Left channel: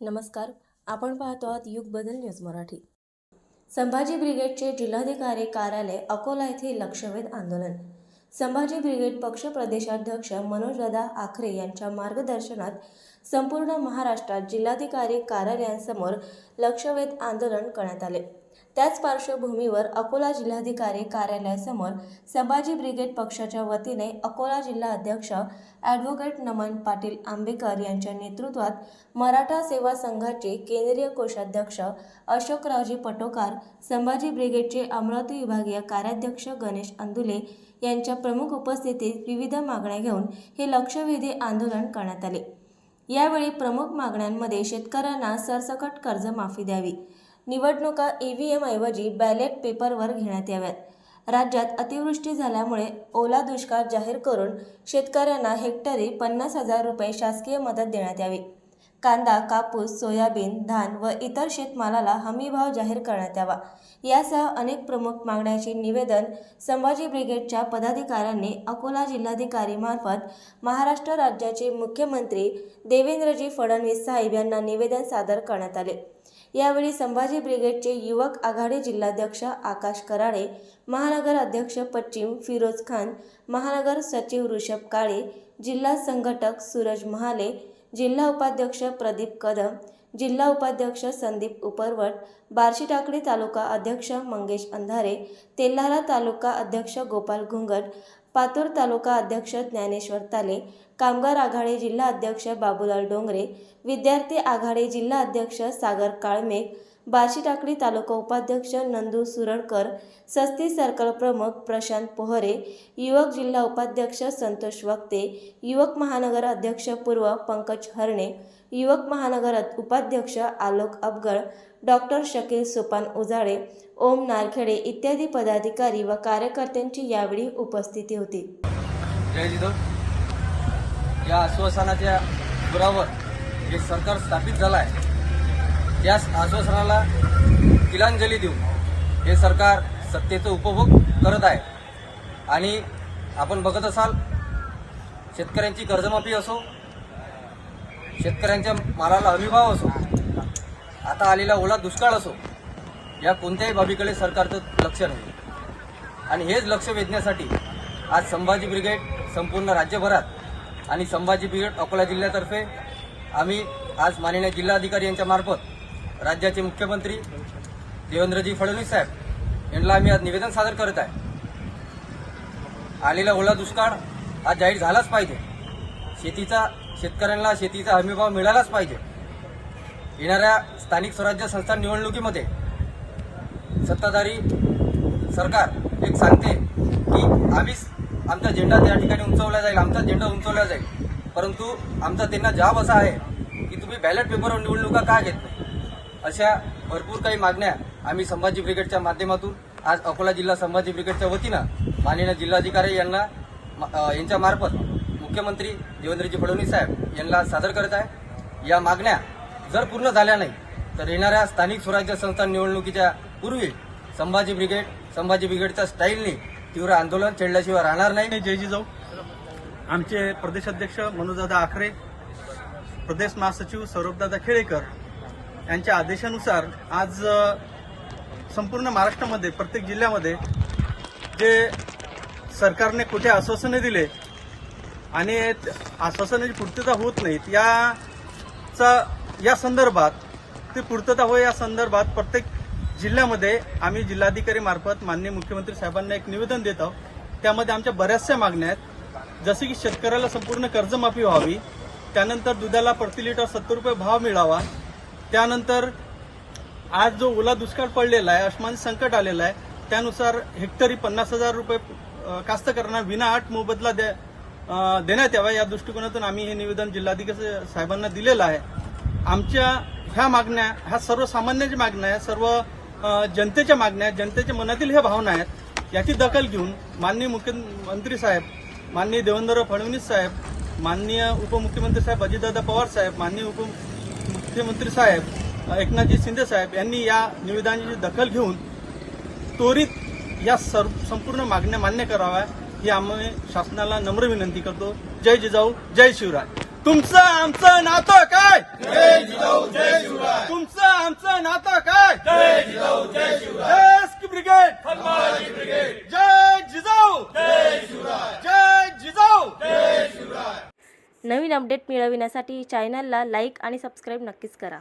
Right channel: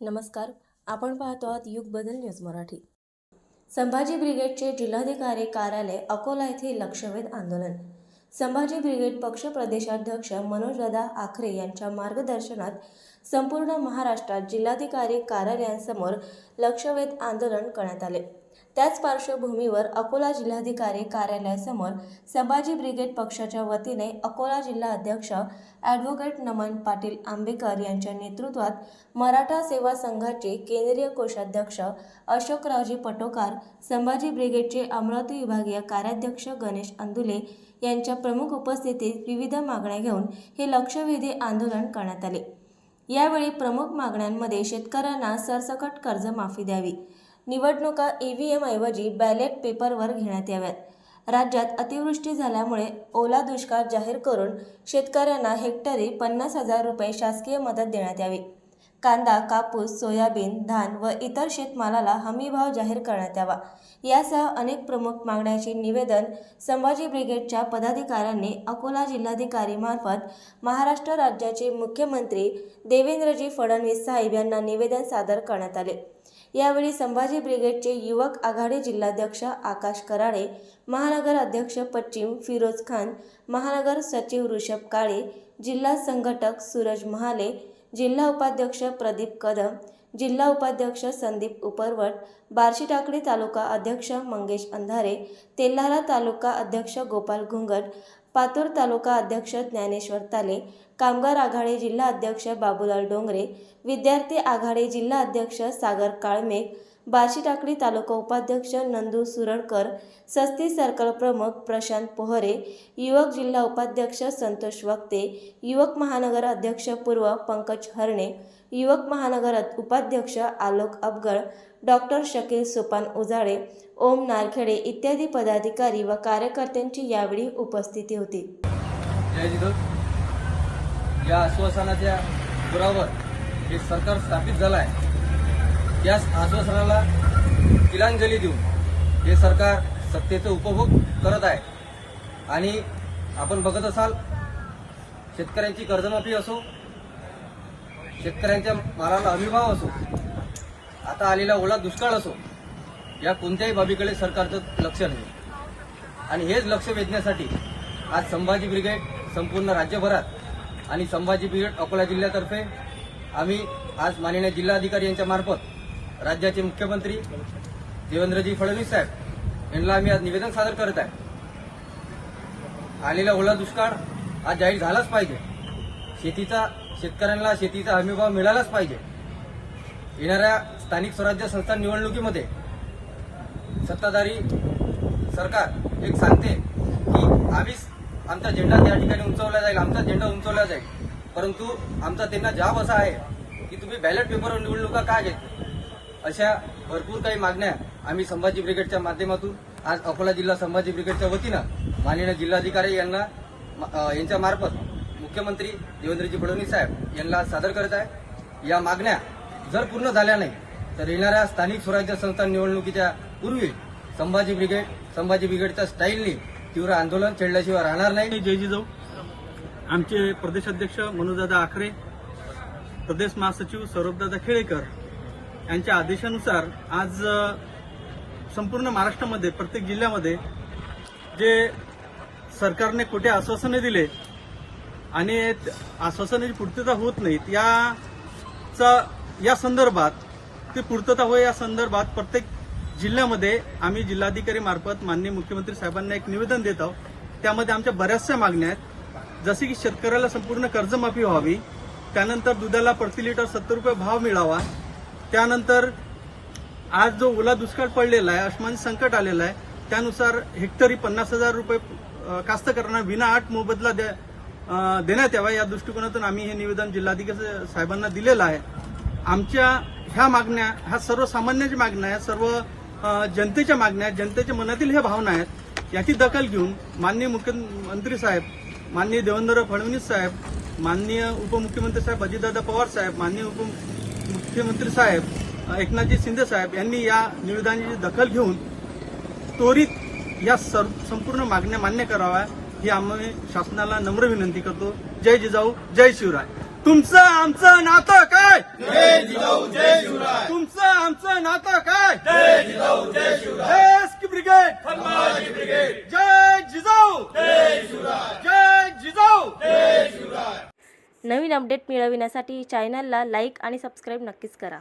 नमस्कार आपण पाहतो आहात युग बदल न्यूज मराठी. संभाजी ब्रिगेडचे जिल्हाधिकारी कार्यालय अकोला येथे लक्षवेध आंदोलन. संभाजी ब्रिगेड पक्ष प्रदेशाध्यक्ष मनोजदादा आखरे यांच्या मार्गदर्शनात संपूर्ण महाराष्ट्रात जिल्हाधिकारी कार्यालयांसमोर लक्षवेध आंदोलन करण्यात आले. त्याच पार्श्वभूमीवर अकोला जिल्हाधिकारी कार्यालयासमोर संभाजी ब्रिगेड पक्षाच्या वतीने अकोला जिल्हा अध्यक्ष ॲडव्होकेट नमन पाटील आंबेकर यांच्या नेतृत्वात मराठा सेवा संघाचे केंद्रीय कोषाध्यक्ष अशोकरावजी पटोकार संभाजी ब्रिगेडचे अमरावती विभागीय कार्याध्यक्ष गणेश अंदुले यांच्या प्रमुख उपस्थितीत विविध मागण्या घेऊन हे लक्षवेधी आंदोलन करण्यात आले. यावेळी प्रमुख मागण्यांमध्ये शेतकऱ्यांना सरसकट कर्जमाफी द्यावी निवडणुका ए व्ही एमऐवजी बॅलेट पेपरवर घेण्यात याव्यात. राज्यात अतिवृष्टी झाल्यामुळे ओला दुष्काळ जाहीर करून शेतकऱ्यांना हेक्टरी पन्नास हजार रुपये शासकीय मदत देण्यात यावी. कांदा कापूस सोयाबीन धान व इतर शेतमालाला हमीभाव जाहीर करण्यात यावा. यासह अनेक प्रमुख मागण्यांचे निवेदन संभाजी ब्रिगेडच्या पदाधिकाऱ्यांनी अकोला जिल्हाधिकारी मार्फत महाराष्ट्र राज्याचे मुख्यमंत्री देवेंद्रजी फडणवीस साहेब यांना निवेदन सादर करण्यात आले. यावेळी संभाजी ब्रिगेडचे युवक आघाडी जिल्हाध्यक्ष आकाश कराडे महानगर अध्यक्ष पश्चिम फिरोज खान महानगर सचिव ऋषभ काळे जिल्हा संघटक सूरज महाले जिल्हा उपाध्यक्ष प्रदीप कदम जिल्हा उपाध्यक्ष संदीप उपरवट बार्शी टाकळी तालुका अध्यक्ष मंगेश अंधारे तेल्हारा तालुका अध्यक्ष गोपाल घुंगट पातूर तालुका अध्यक्ष ज्ञानेश्वर ताले कामगार आघाडी जिल्हा अध्यक्ष बाबूलाल डोंगरे विद्यार्थी आघाडी जिल्हा अध्यक्ष सागर काळमेघ बार्शी टाकळी तालुका उपाध्यक्ष नंदू सुरडकर सस्ती सर्कल प्रमुख प्रशांत पोहरे युवक जिल्हा उपाध्यक्ष संतोष वक्ते युवक महानगर अध्यक्ष पूर्व पंकज हरणे युवक महानगर उपाध्यक्ष आलोक अबगळ डॉक्टर शकील सोपान उजाळे ओम नारखेडे इत्यादी पदाधिकारी व कार्यकर्त्यांची यावेळी उपस्थिती होती. जय या आश्वासनाच्या पुरावर जे सरकार स्थापित झालं आहे त्या आश्वासनाला तिलांजली देऊन हे सरकार सत्तेचा उपभोग करत आहे. आणि आपण बघत असाल शेतकऱ्यांची कर्जमाफी असो शेतकऱ्यांच्या मालाला हमीभाव असो आता आलेला ओला दुष्काळ असो या कोणत्याही बाबीकडे सरकारचं लक्ष नाही. आणि हेच लक्ष वेधण्यासाठी आज संभाजी ब्रिगेड संपूर्ण राज्यभरात आणि संभाजी ब्रिगेड अकोला जिल्ह्यातर्फे आम्ही आज माननीय जिल्हाधिकारी यांच्या मार्फत राज्याचे मुख्यमंत्री देवेंद्रजी फडणवीस साहेब यांना आम्ही आज निवेदन सादर करत आहे. आलेला ओला दुष्काळ आज जाहीर झालाच पाहिजे. शेतीचा शेतकऱ्यांना शेतीचा हमीभाव मिळालाच पाहिजे. येणाऱ्या स्थानिक स्वराज्य संस्था निवडणुकीमध्ये सत्ताधारी सरकार एक सांगते की आम्हीच आमचा झेंडा त्या ठिकाणी उंचवला जाईल आमचा झेंडा उंचवला जाईल. परंतु आमचा त्यांना जाब असा आहे की तुम्ही बॅलेट पेपरवर निवडणुका का घेत अशा भरपूर काही मागण्या आम्ही संभाजी ब्रिगेडच्या माध्यमातून आज अकोला जिल्हा संभाजी ब्रिगेडच्या वतीनं माननीय जिल्हाधिकारी यांना यांच्या मार्फत मुख्यमंत्री देवेंद्रजी फडणवीस साहेब यांना सादर करत आहे. या मागण्या जर पूर्ण झाल्या नाही तर येणाऱ्या स्थानिक स्वराज्य संस्था निवडणुकीच्या पूर्वी संभाजी ब्रिगेड संभाजी ब्रिगेडच्या स्टाईलने तीव्र आंदोलन छेडल्याशिवाय राहणार नाही. जय जिजाऊ आमचे प्रदेशाध्यक्ष मनोजदादा आखरे प्रदेश महासचिव सौरभदादा खेळेकर यांच्या आदेशानुसार आज संपूर्ण महाराष्ट्रामध्ये प्रत्येक जिल्ह्यामध्ये जे सरकारने कुठे आश्वासने दिले आणि आश्वासनाची पूर्तता होत नाहीत याचा या संदर्भात ती पूर्तता होय या संदर्भात प्रत्येक जिल्ह्यामध्ये आम्ही जिल्हाधिकारी मार्फत माननीय मुख्यमंत्री साहेबांना एक निवेदन देत आहोत. त्यामध्ये आमच्या बऱ्याचशा मागण्या आहेत. जसे की शेतकऱ्याला संपूर्ण कर्जमाफी व्हावी त्यानंतर दुधाला प्रति लिटर सत्तर रुपये भाव मिळावा त्यानंतर आज जो ओला दुष्काळ पडलेला आहे अश्मान संकट आलेलं आहे त्यानुसार हेक्टरी पन्नास हजार रुपये कास्तकरांना विना आठ मोबदला द्या देण्यात यावा. या दृष्टिकोनातून आम्ही हे निवेदन जिल्हाधिकारी साहेबांना दिलेलं आहे. आमच्या ह्या मागण्या ह्या सर्वसामान्यांच्या मागण्या आहेत. सर्व जनतेच्या मागण्या आहेत जनतेच्या मनातील ह्या भावना आहेत याची दखल घेऊन माननीय मुख्यमंत्री साहेब माननीय देवेंद्र फडणवीस साहेब माननीय उपमुख्यमंत्री साहेब अजितदादा पवार साहेब माननीय उपमुख्यमंत्री साहेब एकनाथजी शिंदे साहेब यांनी या निवेदनाची दखल घेऊन त्वरित या सर्व संपूर्ण मागण्या मान्य कराव्या ही आम्ही शासनाला नम्र विनंती करतो. जय जिजाऊ जय शिवराय. तुमचं आमचं नातं काय? तुमचं आमचं नातं काय? ब्रिगेड. ब्रिगेड. जय जिजाऊ. जय जिजाऊ. नवीन अपडेट मिळविण्यासाठी चॅनलला लाईक आणि सबस्क्राईब नक्कीच करा.